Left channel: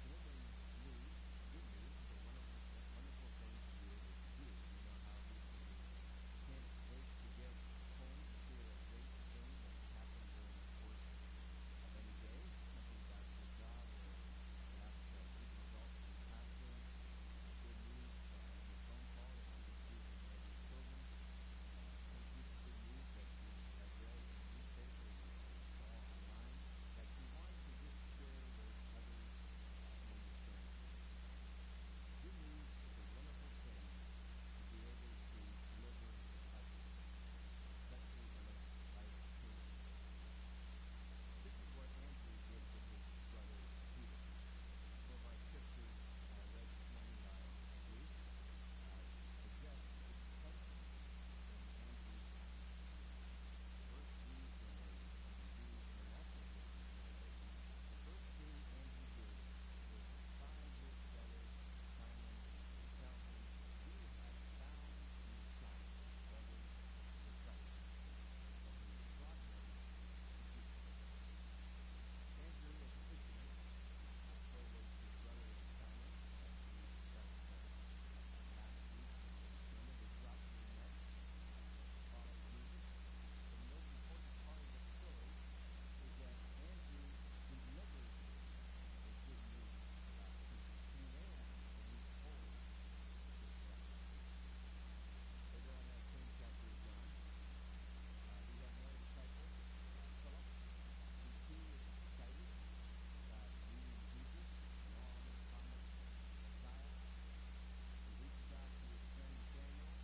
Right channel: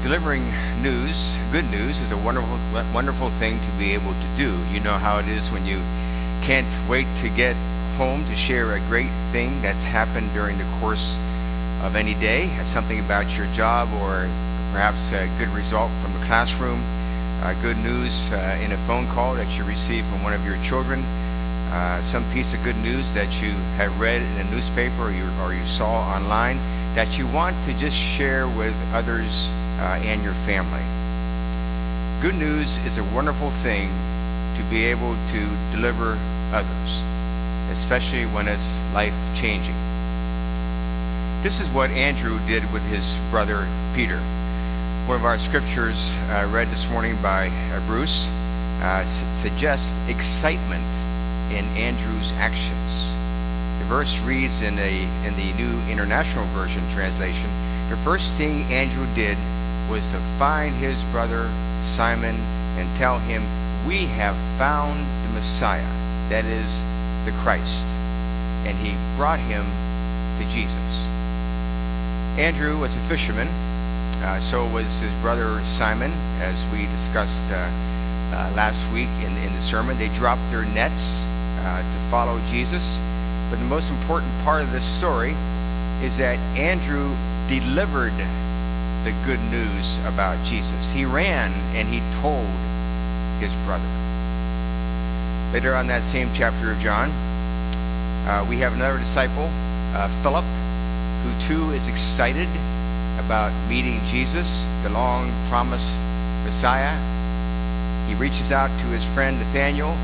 Delivering news, good news, is a wonderful thing to be able to do. You know how it is when you can't wait to get home to share a great thing that's happened during the course of any day, something about your job or perhaps a good result from the classroom, good news in a phone call that you received from one of your children, some piece of good news that you have read in a newspaper or you saw online that you want to just share with others and your family. Good news is a wonderful thing to be able to deliver others, especially when it's life-changing. This is what Andrew did with his brother Peter. One of our scriptures read this morning by Bruce suggests excitement in Andrew's actions. The verse reads in the New International Version translation, the first thing Andrew did was to find his brother Simon and tell him, we have found the Messiah, that is the Christ. And he brought him to Jesus. Andrew was a fisherman, so was his brother Simon, as we discussed last week in the sermon. They dropped their nets to follow Jesus. But the most important part of this story is that Andrew delivered the good news about Jesus. He ran and he told his brother. Later on that same chapter of John, we have another disciple, Philip, who too is excited about meeting Jesus, the long-promised Messiah. He reaches out to his friend Nathanael,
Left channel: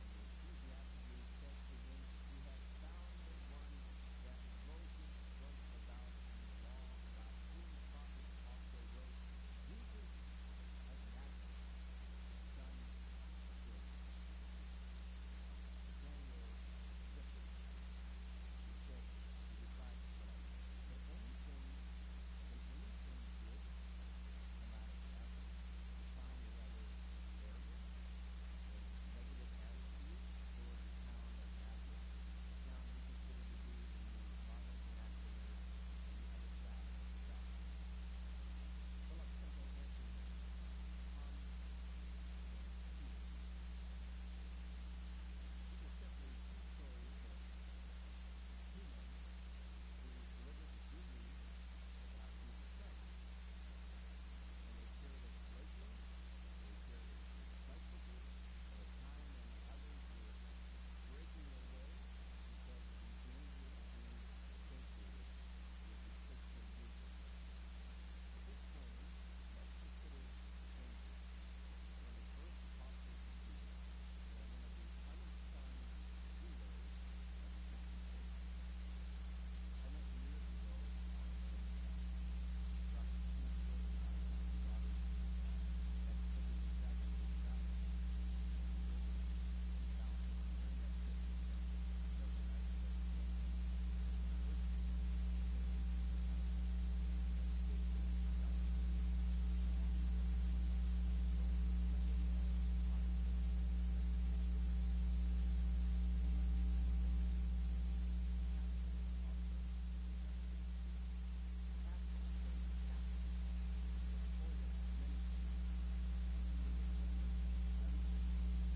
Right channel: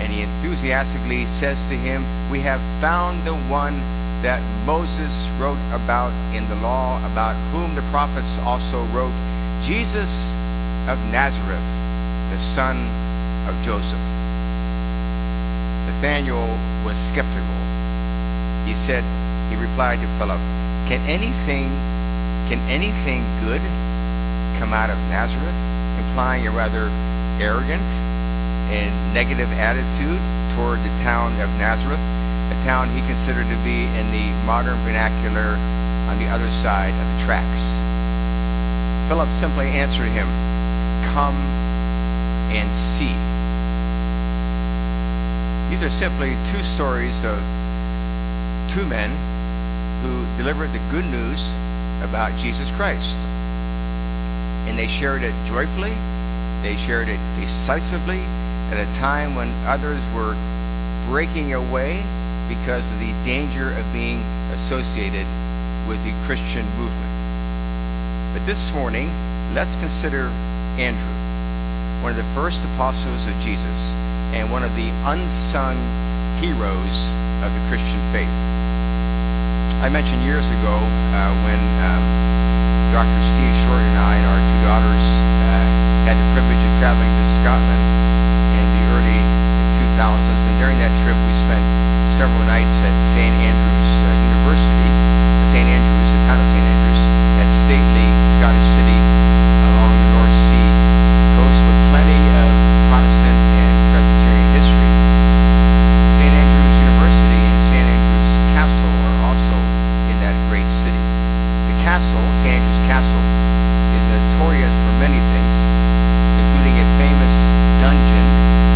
and he enthusiastically says to him, we have found the one that Moses wrote about in the law, about whom the prophets also wrote, Jesus of Nazareth, the son of Joseph. Nathanael was skeptical. He replied to Philip, can anything good come out of Nazareth? Implying a rather arrogant and negative attitude toward the town of Nazareth, a town he considered to be in the modern vernacular on the other side of the tracks. Philip simply answered him, come and see. These are simply two stories of two men who delivered the good news about Jesus Christ. And they shared it joyfully, they shared it decisively, at a time when others were breaking away because of the danger of being associated with the Christian movement. But this morning, let's consider Andrew, one of the first apostles of Jesus and one of the unsung heroes of the Christian faith. I mentioned years ago when Dr. Steve Short and I and our two daughters had the privilege of traveling to Scotland in the early 2000s, and during that trip we spent several nights at St. Andrews University, the town of St. Andrews, that stately Scottish city along the North Sea coast with plenty of Protestant and Presbyterian history. St. Andrews University and St. Andrews Castle are also in that great city. The castle, St. Andrews Castle, is notorious for many things, including a famous dungeon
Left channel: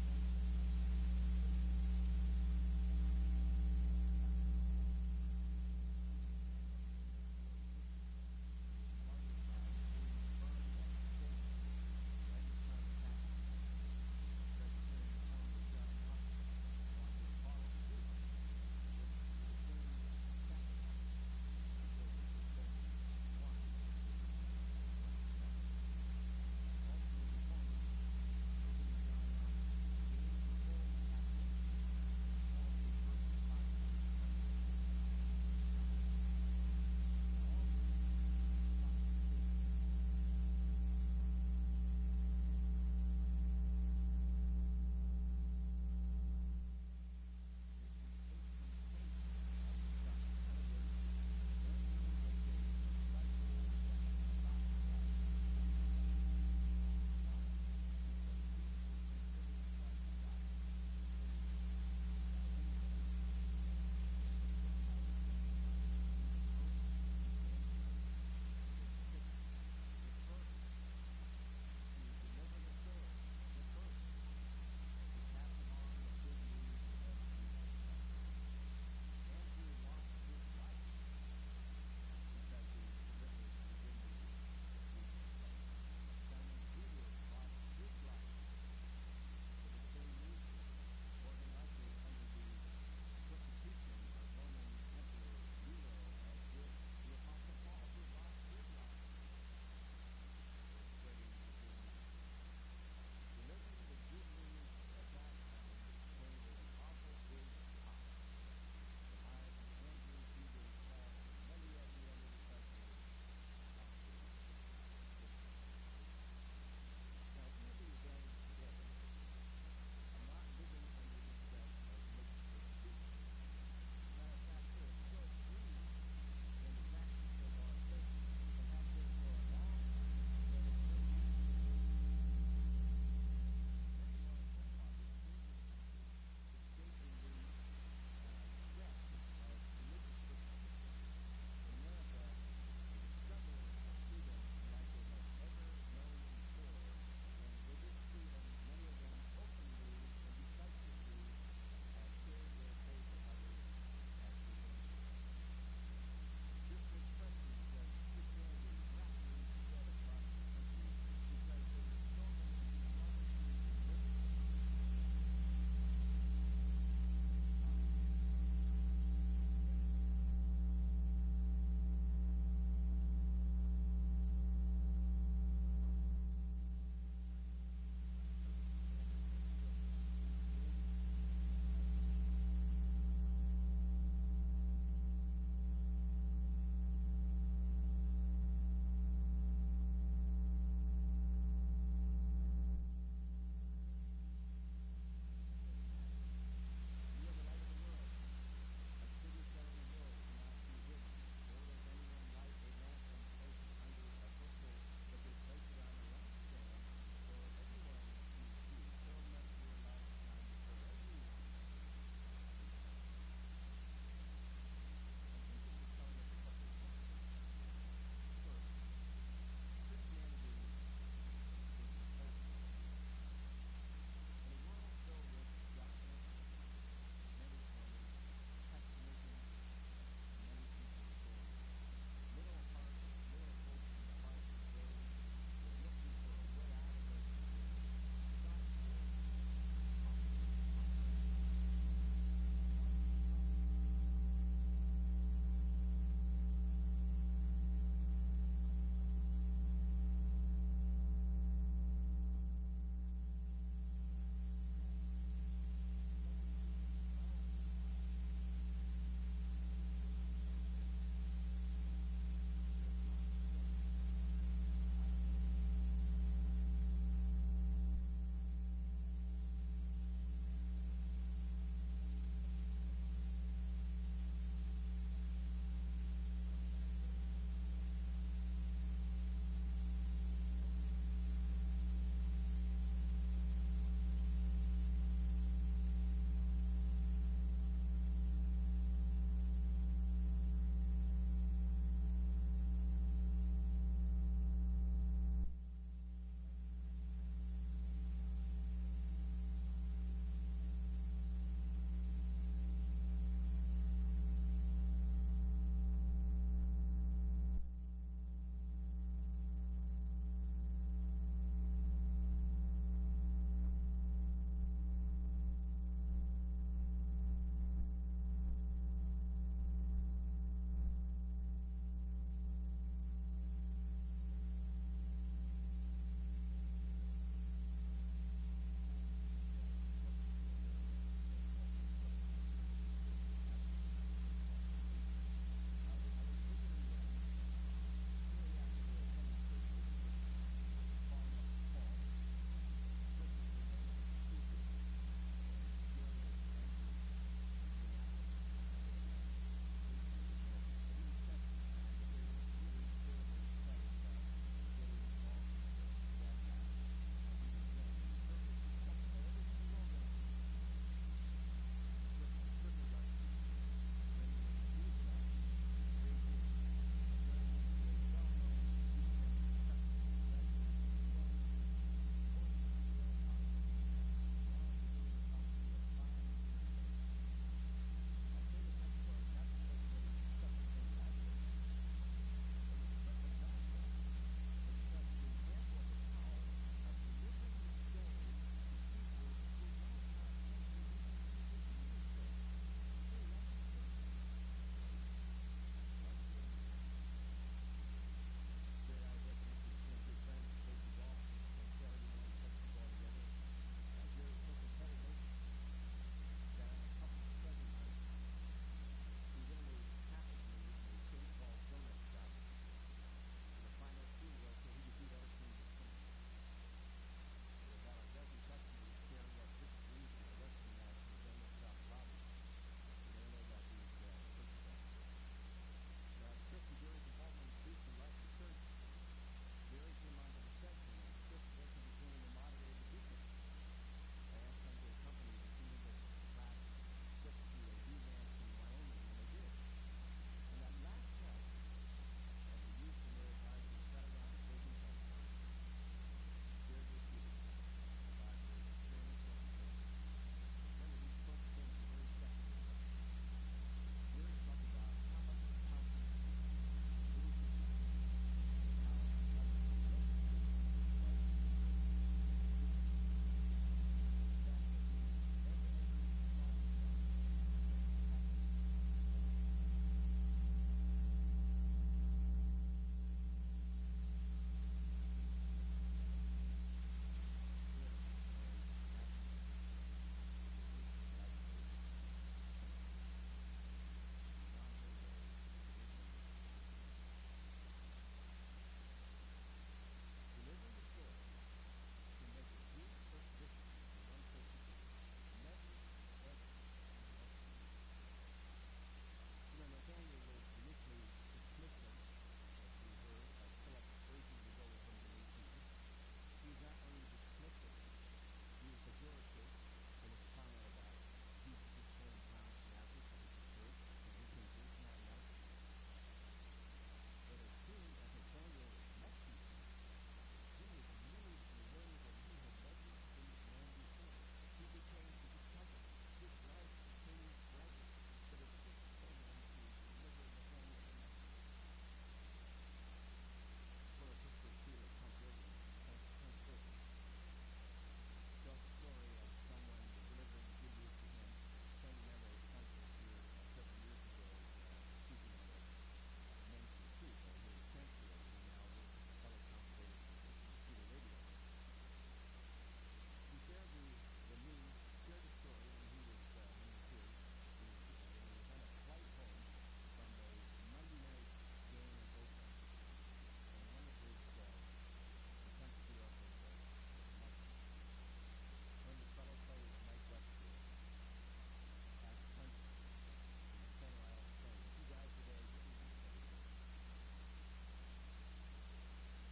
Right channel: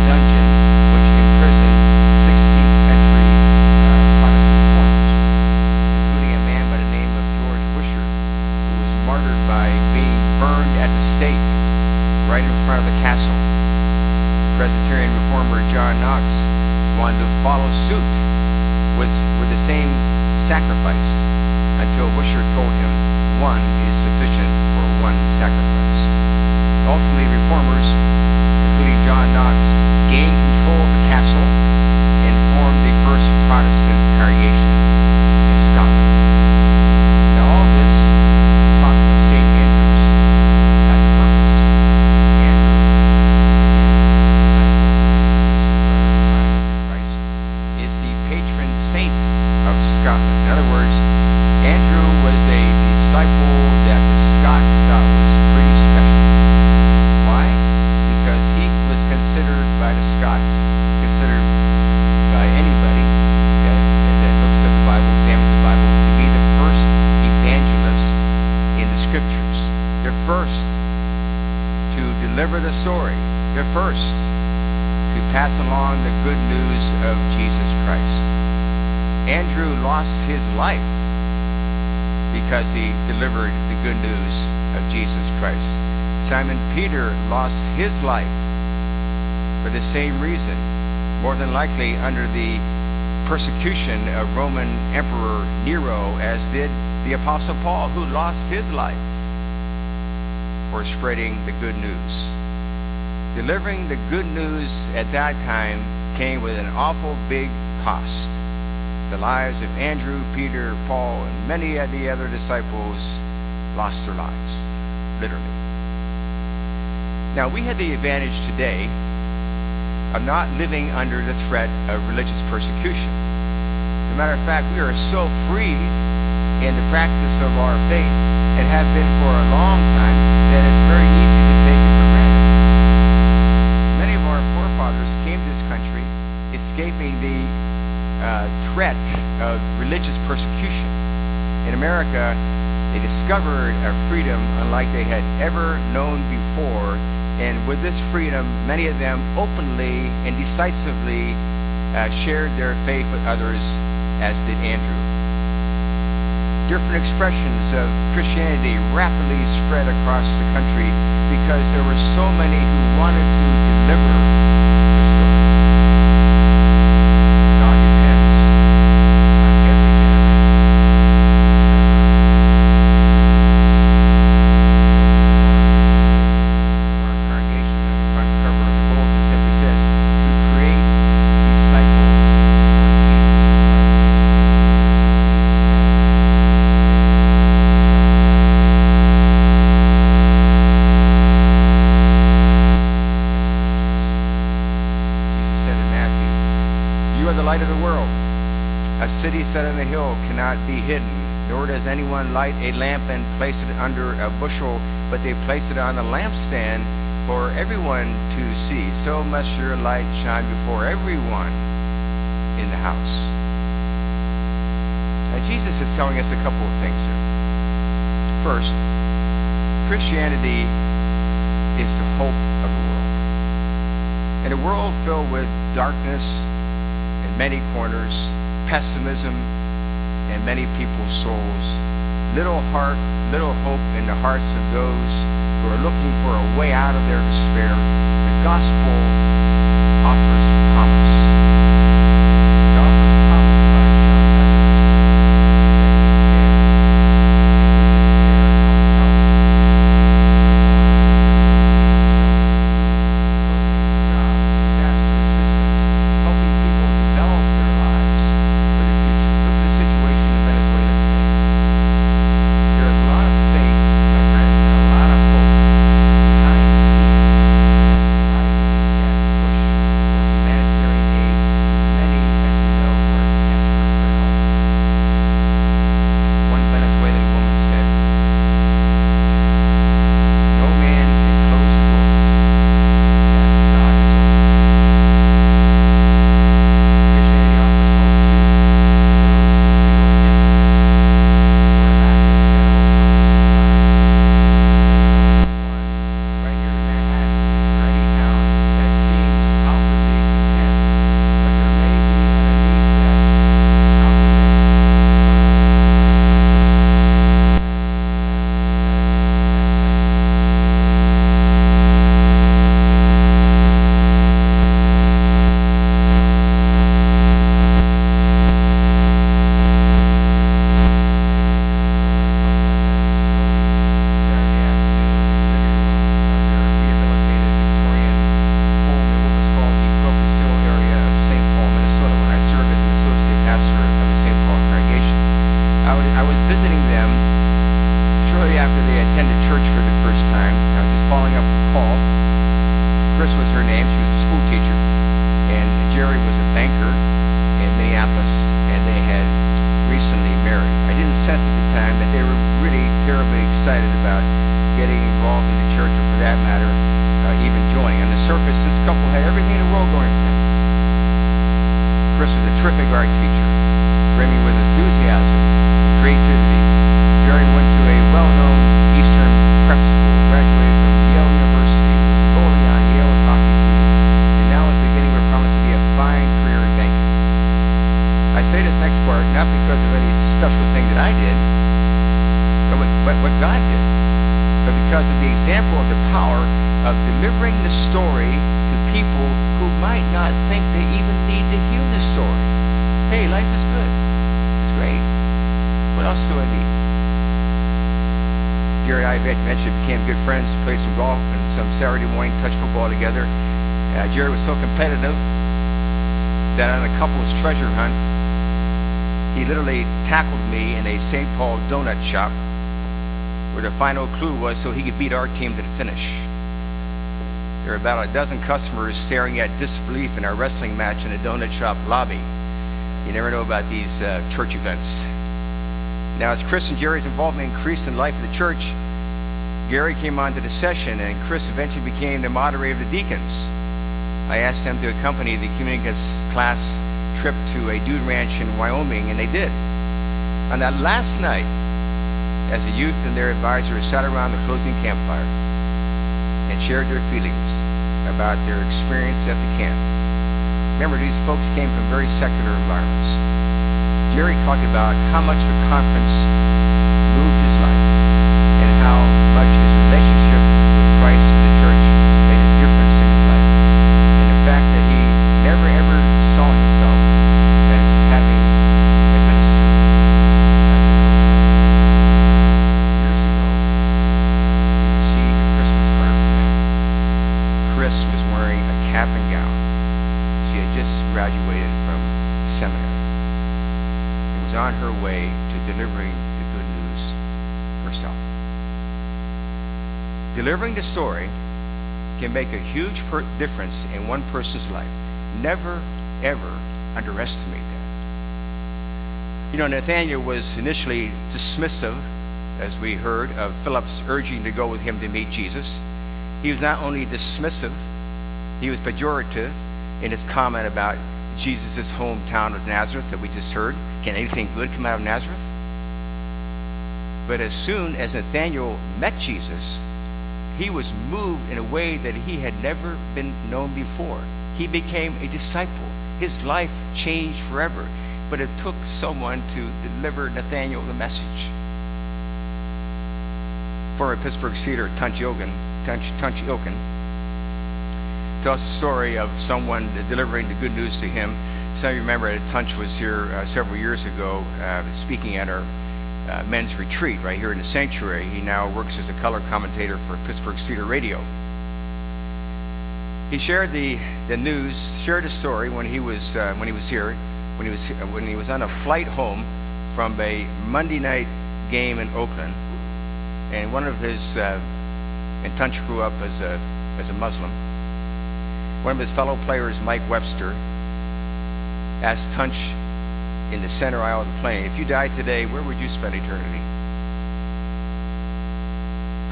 which imprisoned 16th century Protestant reformers, including a man by the name of George Wishart, who was martyred by being burned at the stake right in front of the castle. Presbyterian reformer John Knox wanted to follow suit with the same sacrifice until Wishart told him one is sufficient for one sacrifice. Ultimately, reformers, including John Knox, gained control of the castle and formed the first Protestant congregation in Scotland. Now, all this talk of St. Andrews has a purpose. Andrew, Christ, is the patron saint of Scotland. In other words, Andrew was a disciple that the Scots thought was pretty special. Why? Because he was considered by the Scots, considered by anybody that looks at first to deliver the story. They're first to pass along the good news of Jesus Christ. Andrew lost his life because he delivered the good news of Jesus Christ. Simon Peter lost his life for the same reason, more than likely under the persecution of Roman Emperor Nero, as did the Apostle Paul, who lost his life for spreading the good news. Delivering the good news at that time came with an awful big cost. The lives of Andrew, Peter, Paul, and many of the other disciples lost their lives, literally. Now, we had the advantage today of not living under the threat of religious persecution. As a matter of fact, we are so free in the practice of our faith and have been for a long time that it's very easy to take it for granted. Many of our forefathers came to this country escaping the threat of religious persecution. In America, they discovered a freedom unlike they had ever known before, and with this freedom, many of them openly and decisively shared their faith with others, as did Andrew. Different expressions of Christianity rapidly spread across the country because there were so many who wanted to deliver the story. God depends on every generation. Our congregation, on the front cover of the bulletin, simply says, to create disciples for Jesus You are the light of the world. A city set on a hill cannot be hidden, nor does anyone light a lamp and place it under a bushel, but they place it on a lampstand for everyone to see. So must your light shine before everyone in the house. Now, Jesus is telling us a couple of things here. First, Christianity is the hope of the world. In a world filled with darkness in many corners, pessimism in many people's souls, little hope in the hearts of those who are looking for a way out of their despair, the gospel offers promise. It offers promise by showing others special thing that I did, but what God did. But because of the example of the power of delivering the story to people who might not think they even need to hear the story. Hey, life is good. It's great. What else do I need? Jerry and I eventually became good friends, played some golf and some Saturday morning touch football together. Jerry was so competitive that on a couple's treasure hunt, he literally tackled me in a St. Paul donut shop where the final clue was so he could beat our team to the finish. There were about a dozen customers staring at disbelief in our wrestling match in the donut shop lobby. You never know about these church events. Now, as Chris and Jerry's involvement increased in the life of the church, Gary came onto the session, and Chris eventually became the moderator of the deacons. I asked them to accompany the community class trip to a dude ranch in Wyoming, and they did. On that last night, as the youth and their advisors sat around the closing campfire and shared their feelings about their experience at the camp. Remember, these folks came from very secular environments. Jerry talked about how much the conference moved his life and how much his relationship with Christ and the church made a difference in his life. And the fact that he never ever saw himself as having a ministry. Years ago, he received a Christmas card from me. Chris was wearing a cap and gown. She had just graduated from seminary. On her way to delivering the good news herself. Delivering the story can make a huge difference in one person's life. Never, ever underestimate that. You know, Nathanael was initially dismissive, as we heard, of Philip's urging to go with him to meet Jesus. He was not only dismissive, he was pejorative in his comment about Jesus' hometown of Nazareth that we just heard. Can anything good come out of Nazareth? But as soon as Nathanael met Jesus, he was moved in a way that he had never been known before. He became a disciple. His life changed forever. But it took someone to deliver Nathanael the message. Former Pittsburgh Steeler Tunch Ilkin tells the story of someone delivering the good news to him. Some of you remember that Tunch was here several years ago speaking at our men's retreat right here in the sanctuary. He now works as a color commentator for Pittsburgh Steeler Radio. He shared the news, shared a story when he was here, when he was on a flight home from a Monday night game in Oakland, and one of his and Tunch grew up as a Muslim. One of his fellow players, Mike Webster, asked Tunch in the center aisle of the plane, if you died today, where would you spend eternity?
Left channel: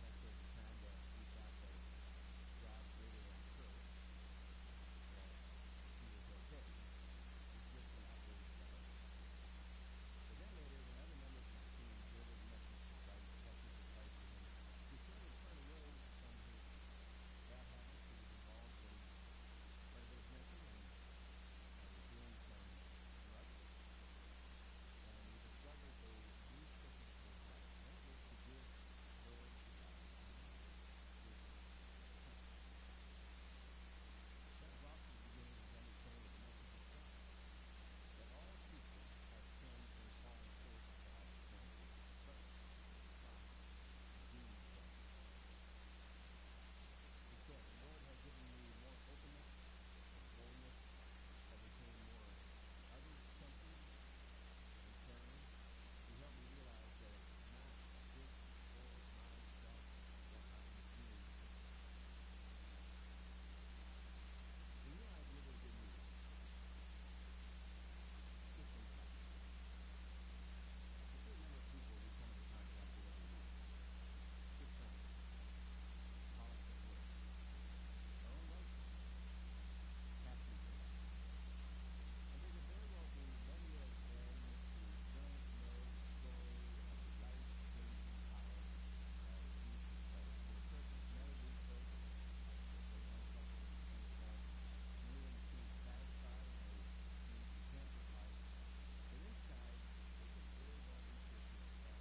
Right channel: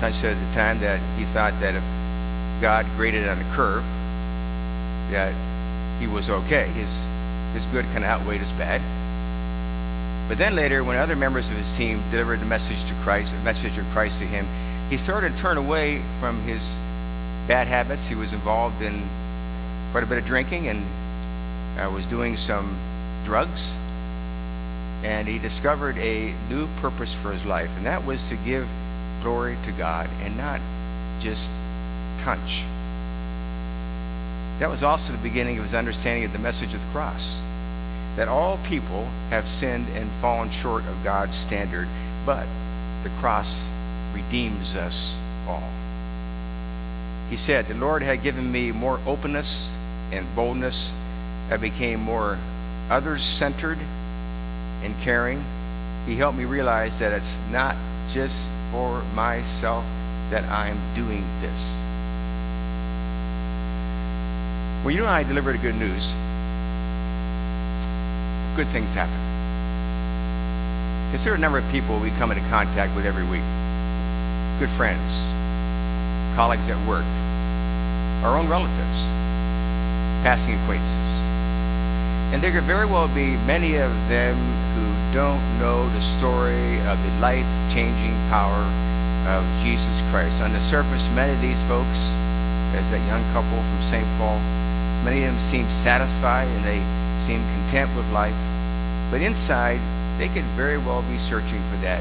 Tunch said at the time that he thought that if God graded on a curve, that he was okay. His good kind of outweighed his bad. But then later, when other members of his team delivered the message of Christ to him, he started to turn away from his bad habits. He was involved in quite a bit of drinking and was doing some drugs. And he discovered a new purpose for his life, and that was to give glory to God and not just Tunch. That was also the beginning of his understanding of the message of the cross, that all people have sinned and fallen short of God's standard, but the cross redeems us all. He said, the Lord had given me more openness and boldness. I became more others-centered and caring. He helped me realize that it's not just for myself that I'm doing this. When you and I deliver the good news, good things happen. Consider a number of people we come into contact with every week. Good friends, colleagues at work, our own relatives, passing acquaintances. And there could very well be many of them who don't know the story of the life-changing power of Jesus Christ. On the surface, many of these folks, as that young couple from St. Paul, many of them seem satisfied and they seem content with life. But inside, they could very well be searching for that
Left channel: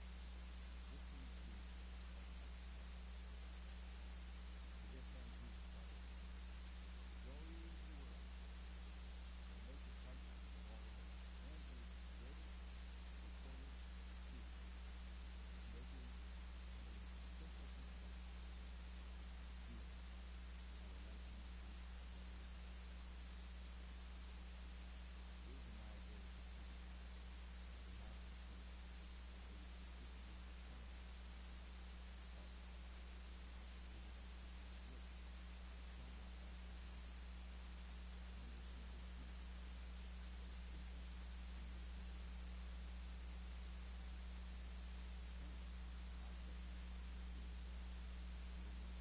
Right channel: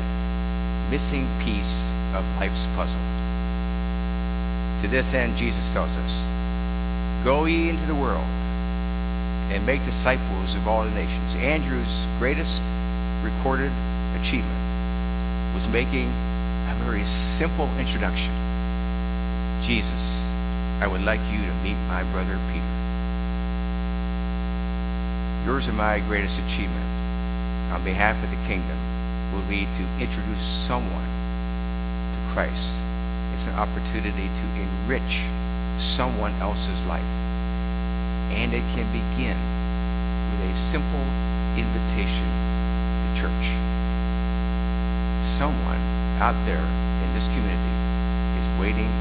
missing piece of life's puzzle. To this end, Jesus tells us, "Go ye into the world and make disciples of all the nations." Andrew's greatest recorded achievement was making a very simple introduction. "Jesus, I would like you to meet my brother Peter." Yours and my greatest achievement on behalf of the kingdom will be to introduce someone to Christ. It's an opportunity to enrich someone else's life. And it can begin with a simple invitation to church. Someone out there in this community is waiting